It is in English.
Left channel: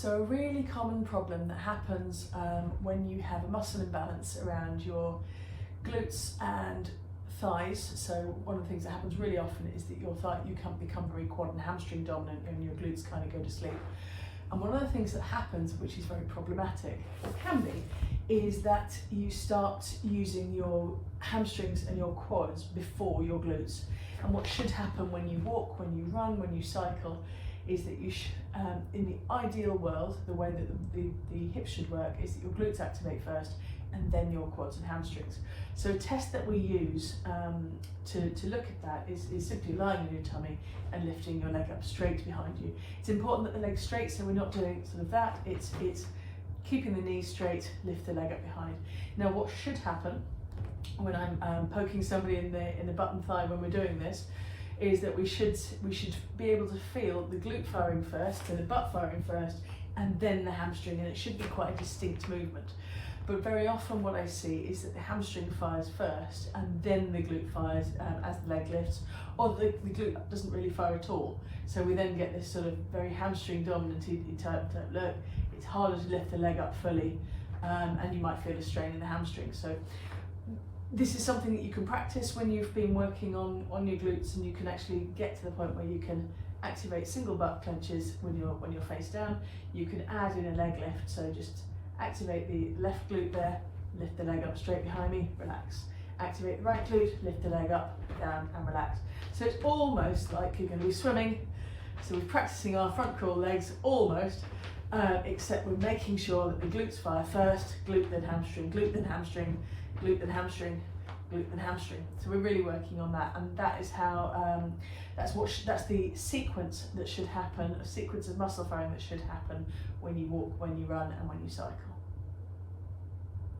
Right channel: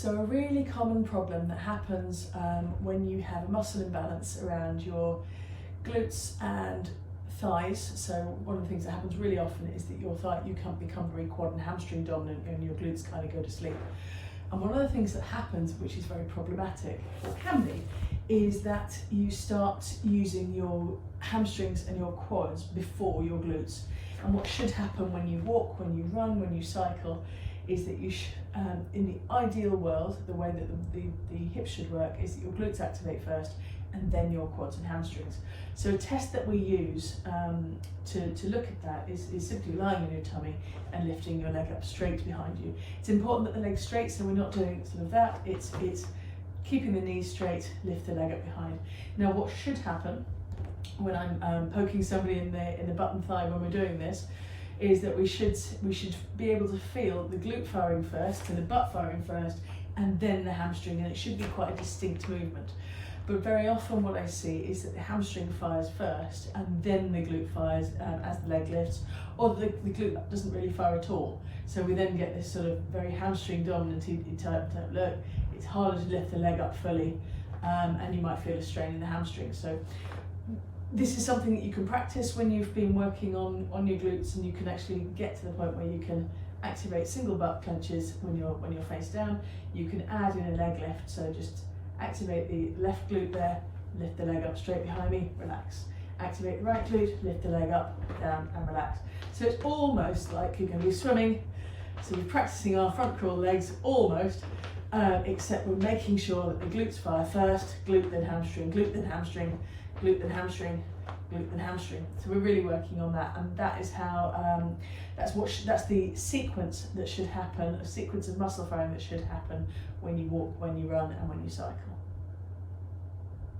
So a really common problem that happens when you have a muscle imbalance around your glutes and thighs. So one of the things that happens really often is that you can become very quad and hamstring dominant and your glutes kind of go to sleep. And one of the things that happens, which is very problematic, or can be, is that you start using your hamstrings and your quads before your glutes. And what should happen when you walk, when you run, when you cycle, is that you in the ideal world, the way that the hips should work is that your glutes activate first and then your quads and hamstrings. So a test that we use to look at that is simply lying on your tummy and lifting your leg up straight behind you. It's important that the leg's straight, so we're not doing sort of that. It's keeping the knees straight, lift the leg up behind. Now what should happen when I'm poking somebody in the butt and thigh when we're doing this is that we should be able to feel the glute firing first and the butt firing first and then the hamstring, and it should be quite a distinct movement. But very often what I see is that the hamstring fires first and then the glute fires as the leg lifts, or the glute doesn't really fire at all. So we then get this sort of very hamstring dominant type look. It's harder to lift the leg up fully and you might feel a strain in the hamstring. So this is something that you can practice when you've been working on your glutes, and you can actually get to the point where you can activate single butt clenches when you're face down. You can add in a leg lift, so just activate the left glute there, lift the leg up straight behind me, relax. Activate the right glute, lift the leg up, down and relax. So it's almost like you're going to be swimming. So we're practicing our front crawl legs almost, except we're making sure that the glutes fire first, glute then hamstring, glute then hamstring, glute then hamstring, glute then hamstring. So we're really working on that, and that is how that's the sequence that should happen, a sequence of muscle firing that should happen when you walk, when you run, and when you cycle.